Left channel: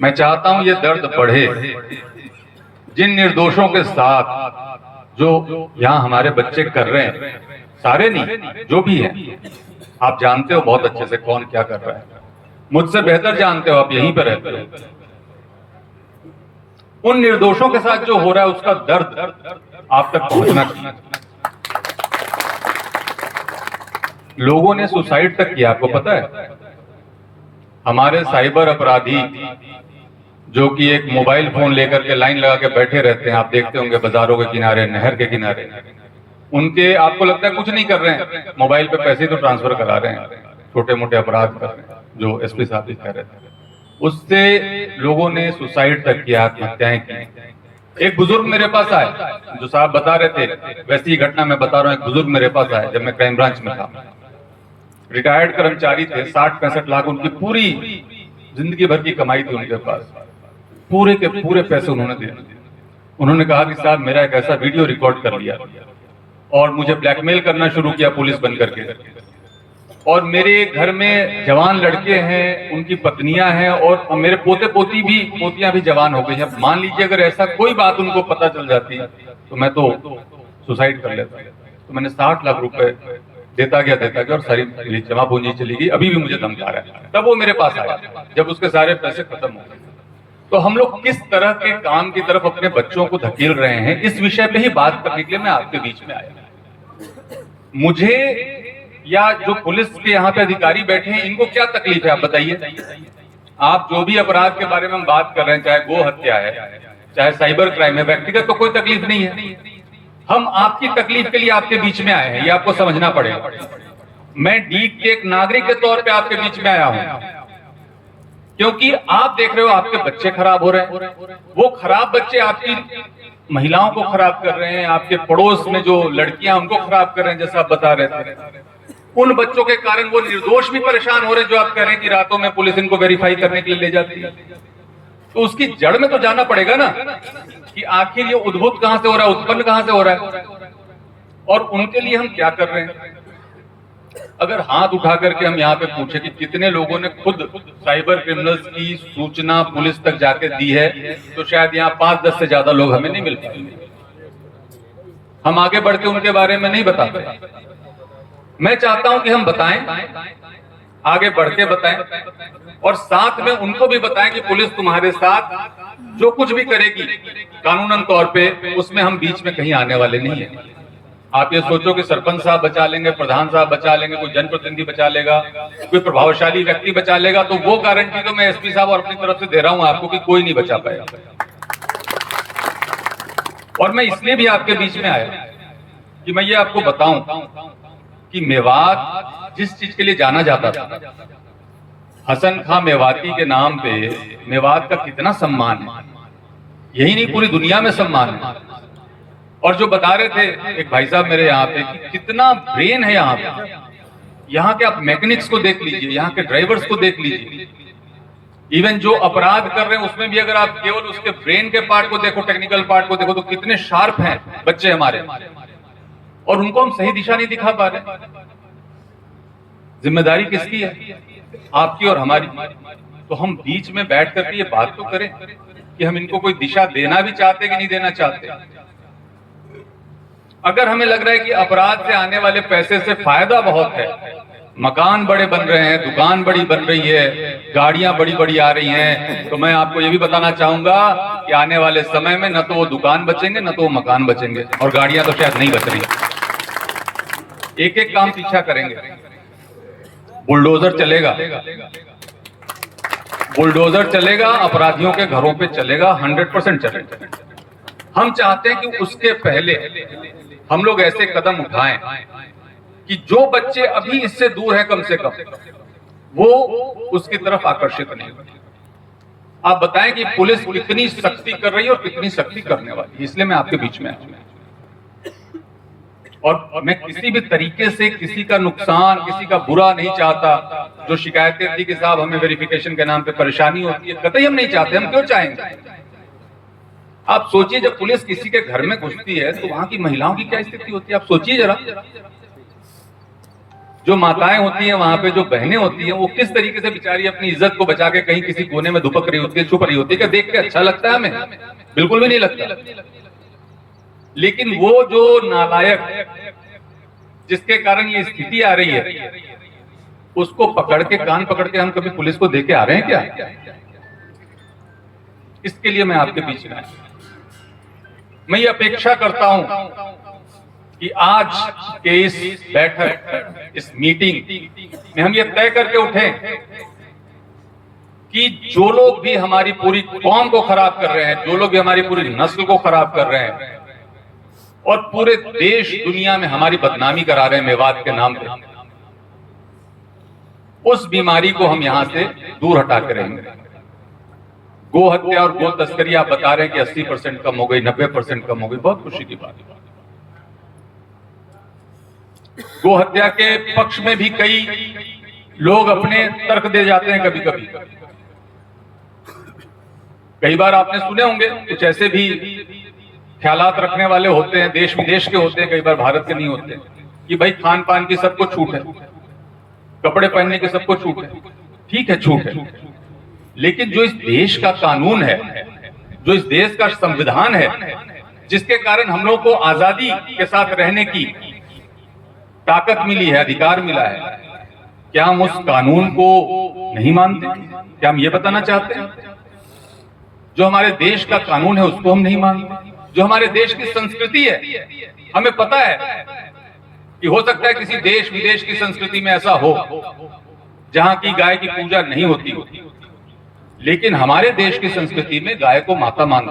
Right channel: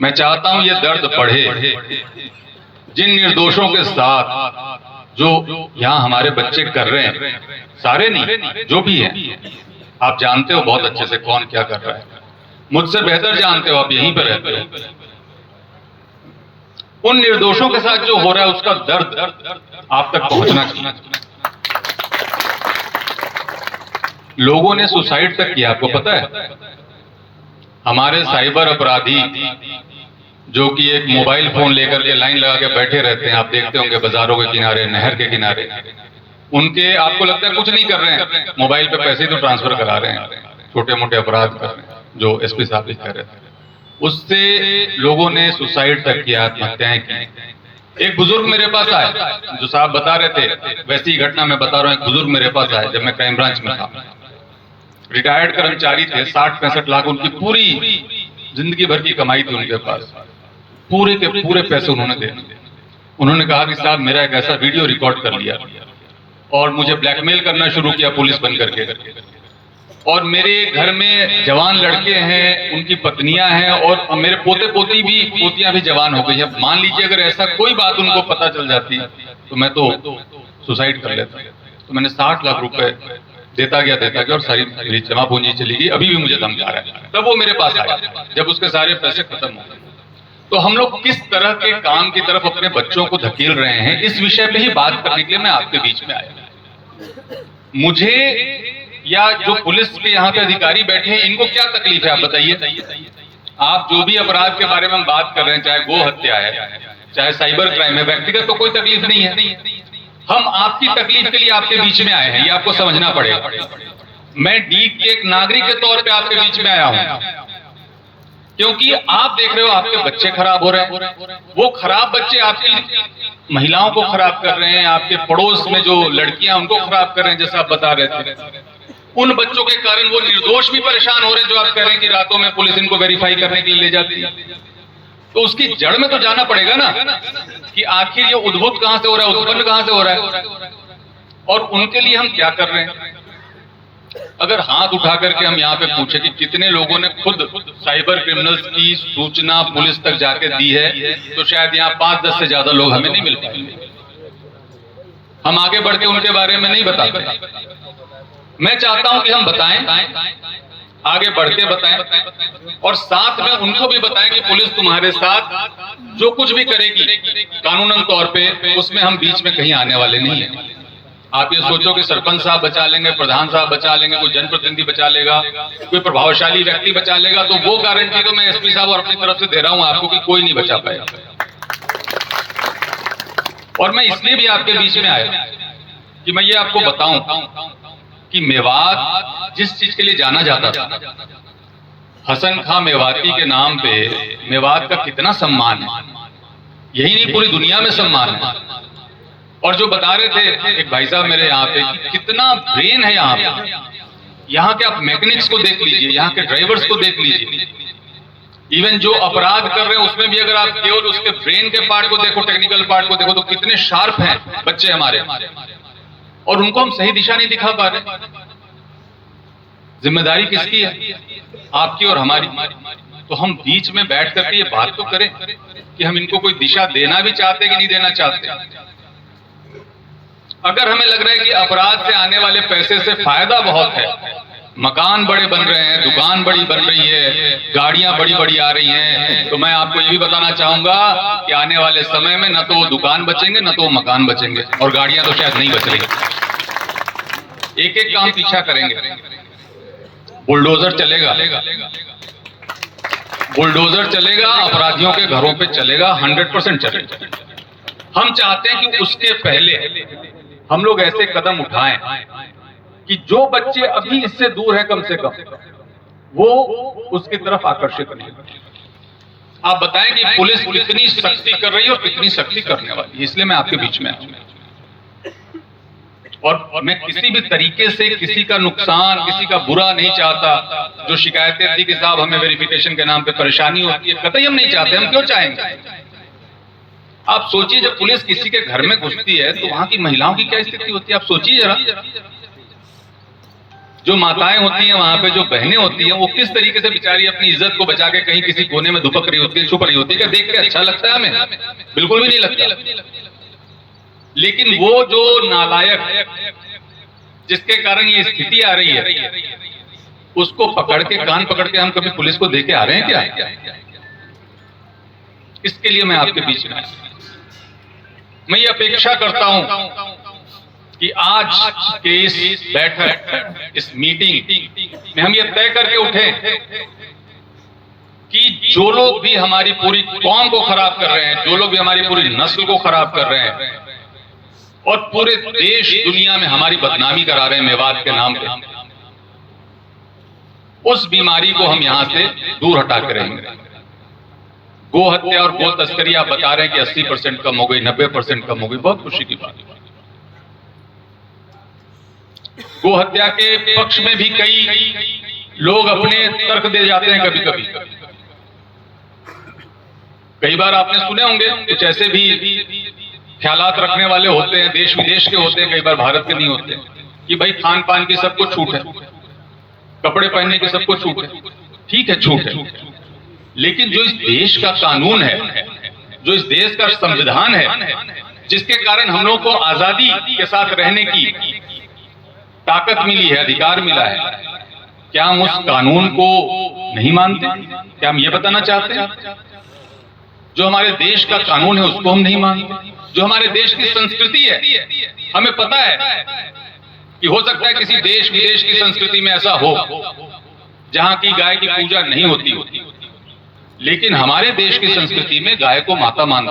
मैं चाहता हूं ये दर्द बढ़े। जिन निर्दोषों के साथ जो यहां हमारे बच्चे कर रहे हैं, सारे नहीं, जो भी हैं, आप जानते हो बहुत अच्छे से कौन क्या कर रहा है, मुझसे बेहतर जानते हो, आप यहीं पर रहते हो। उन निर्दोषों के साथ जो हो रहा है उसका दर्द आप तक पहुंचना चाहिए। लोगों ने सुसाइड तक किया, आपको पता है? हमारे साइबर अपराधी जो कि एक मोबाइल फोन लेकर के लाइन लगा के बैठे रहते हैं, आप देखते होंगे बाजारों के किनारे, नहर के किनारे, उनके आपको लगता है कुछ नहीं कर रहे हैं, मोबाइल पे पैसे तो ट्रांसफर करा रहे हैं, छोटे मोटे अपराध कर रहे हैं, जो एसपी साहब भी कह रहे थे। उससे लोगों ने सुसाइड तक किया, आत्महत्याएं की। एक बुजुर्ग मेरे पास आए, जो साहब बता रहे थे वैसी घटना मैं बता रहा हूं। एक बुजुर्ग मेरे पास आए जब मैं क्राइम ब्रांच में था, रिटायर्ड कर्मचारी थे, 60-65 लाख उनकी पूरी जिंदगी भर की कमाई थी उनके पास, पूरे के पूरे पैसे उन्होंने दे दिए। उन्होंने कहा कि साहब मेरा एक ऐसा वीडियो रिकॉर्ड कर लिया और मुझे ब्लैकमेल करना शुरू किया पुलिस बन करके, और मेरे घर में जवान लड़के हैं, उनकी पत्नियां हैं, और मेरे पोते पोती भी, पोतियां भी जवान हो गई हैं। मान लीजिए अगर ऐसा कोई बात उनको पता चल जाती तो मैं तो सुसाइड कर लेता। तो मैंने 60 लाख रुपए देता गया और सारी मेरी जमा पूंजी चली गई। अभी भी मुझे धमका रहा है। तब वो मेरे पास आया जब उसके सारे पैसे खत्म हो गए। तो हम लोग किस तरह के काम की तरफ अपने बच्चों को धकेल रहे हैं, इस विषय पे ही बात करने के लिए मैं आपके बीच में आया। मुझे या जो पुलिस के यहाँ पे अधिकारी बैठे हैं, इनको क्या तकलीफ है आप बताइए? आप जो भी अपराध के बारे में हम बात कर रहे हैं, चाहे गो हत्या है, चाहे साइबर क्राइम है, व्यक्तिगत तो कोई तकलीफ नहीं है। हम आपकी तकलीफ के लिए आपके बीच में आए हैं, ये आपको समझना पड़ेगा। मैं डीग के एक नागरिक के तौर पे आपके बीच में आया हूं, क्योंकि आप देख रहे हो आपके बच्चे खराब हो रहे हैं। वो खराब बच्चे आपकी महिलाओं को खराब कर रहे हैं, आपके पड़ोस में जो लड़कियां उनको खराब कर रहे हैं, जैसा आप बता रहे थे। उन बच्चों के कारण वो निर्दोष भी परेशान हो रहे हैं, जो आप कह रहे हैं कि रातों में पुलिस इनको वेरीफाई करने के लिए ले जाती है। तो उसकी जड़ में तो जाना पड़ेगा ना, कि आखिर ये उद्भूत कहां से हो रहा है, उत्पन्न कहां से हो रहा है, और उनके लिए हम क्या कर रहे हैं। अगर हाथ उठा करके हम यहाँ पे पूछे कि कितने लोगों ने खुद साइबर क्रिमिनल्स की सूचना पुलिस तक जाके दी है, तो शायद यहाँ 5-10 से ज्यादा लोग हमें नहीं मिल पाएंगे। हम आगे बढ़ के उनके बारे में नहीं बताते। मैं चाहता हूं कि हम बताएं, आगे बढ़ के बताएं, और साथ में उनको भी बताएं कि पुलिस तुम्हारे साथ जो कुछ भी करेगी कानूनन तौर पे, उसमें हम बीच में कहीं आने वाले नहीं हैं। आप ये सोचो कि सरपंच साहब बचा लेंगे, प्रधान साहब बचा लेंगे, कोई जनप्रतिनिधि बचा लेगा, कोई प्रभावशाली व्यक्ति बचा लेगा, तो वो गारंटी तो मैं एसपी साहब और अपनी तरफ से दे रहा हूं आपको कि कोई नहीं बचा पाएगा। और मैं इसलिए भी आपके बीच में आया कि मैं ये आपको बताऊं कि मेवात जिस चीज के लिए जाना जाता था, हसन खां मेवाती के नाम पे मेवात का कितना सम्मान है, यही नहीं पूरी दुनिया में सम्मान है। और जो बता रहे थे एक भाई साहब मेरे यहाँ पे कि कितना ब्रेन है यहाँ पे, यहाँ के आप मैकेनिक्स को देख लीजिए, यहाँ के ड्राइवर्स को देख लीजिए, इवन जो अपराध कर रहे हैं उसमें भी अगर आप केवल उसके ब्रेन के पार्ट को देखो, टेक्निकल पार्ट को देखो, तो कितने शार्प हैं बच्चे हमारे, और उनको हम सही दिशा नहीं दिखा पा रहे। जिम्मेदारी किसकी है? आपकी और हमारी। तो हम बीच में बैठ करके ये बात तो करें कि हम इनको कोई दिशा देना भी चाहते कि नहीं देना चाहते। अगर हमें लग रहा है कि अपराध से आने वाले पैसे से फायदा बहुत है, मकान बड़े बन रहे हैं, दुकान बड़ी बन रही है, गाड़ियां बड़ी बड़ी आ रही हैं, तो मैं आपको ये भी बताना चाहूंगा कि आने वाले समय में न तो वो दुकान बचेंगे, न तो वो मकान बचेंगे, और गाड़ियां तो शायद नहीं बच रही। एक एक काम पीछा करेंगे। बुलडोजर चलेगा, बुलडोजर चलेगा, अपराधियों के घरों पे चलेगा, 100% चलेगा। हम चाहते हैं कि उसके पहले हम लोग ऐसे कदम उठाएं कि जो बच्चे अभी इससे दूर है, कम से कम वो उसकी तरफ आकर्षित नहीं। आप बताएं कि पुलिस कितनी सख्ती कर रही है और कितनी सख्ती करने वाली है। इसलिए मैं आपके बीच में आया, और मैं किसी भी तरीके से किसी का नुकसान, किसी का बुरा नहीं चाहता। जो शिकायतें थी कि साहब हमें वेरिफिकेशन के नाम पे परेशानी होती है, कतई हम नहीं चाहते। हम क्यों चाहेंगे? आप सोचिए, जब पुलिस किसी के घर में घुसती है तो वहां की महिलाओं की क्या स्थिति होती है, आप सोचिए जरा। जो माताएं होती हैं वहां पे, जो बहनें होती हैं, वो किस तरीके से बेचारी अपनी इज्जत को बचा के कहीं किसी कोने में दुपक रही होती है, छुप रही होती है। क्या देख के अच्छा लगता है हमें? बिल्कुल भी नहीं लगता। लेकिन वो जो नालायक जिसके कारण ये स्थिति आ रही है, उसको पकड़ के, कान पकड़ के हम कभी पुलिस को देके आ रहे हैं क्या? इसके लिए मैं आपके बीच में मैं ये अपेक्षा करता हूं कि आज के इस बैठक, इस मीटिंग में हम ये तय करके उठे कि जो लोग भी हमारी पूरी कौम को खराब कर रहे हैं, जो लोग भी हमारी पूरी नस्ल को खराब कर रहे हैं और पूरे देश दुनिया में हमारी बदनामी करा रहे हैं मेवात के नाम पे, उस बीमारी को हम यहां से दूर हटा के रहेंगे। गो हत्या और गो तस्करी आप बता रहे हैं कि 80% कम हो गई, 90% कम हो गई, बहुत खुशी की बात है। गो हत्या के पक्ष में भी कई लोग अपने तर्क दे जाते हैं। कभी कभी कई बार आपने सुने होंगे कुछ ऐसे भी ख्यालात रखने वाले होते हैं, देश विदेश के होते हैं, कई बार भारत के नहीं होते, कि भाई खान पान की सबको छूट है, कपड़े पहनने की सबको छूट है। ठीक है, छूट है, लेकिन जो इस देश का कानून है, जो इस देश का संविधान है, जिसके कारण हम लोगों को आजादी के साथ रहने की ताकत मिली है, अधिकार मिला है, क्या हम उस कानून को नहीं मानते? क्या हम ये बताना चाहते हैं? जो हमारे देश का कानून है उसको हम नहीं मानते? जो हमारे देश की संस्कृति है, हमें पता है कि हो सकता है किसी देश विदेश की संस्कृति में ऐसा हो जहां की गाय की पूजा नहीं होती, लेकिन हमारे देश की संस्कृति में गाय को माता मानते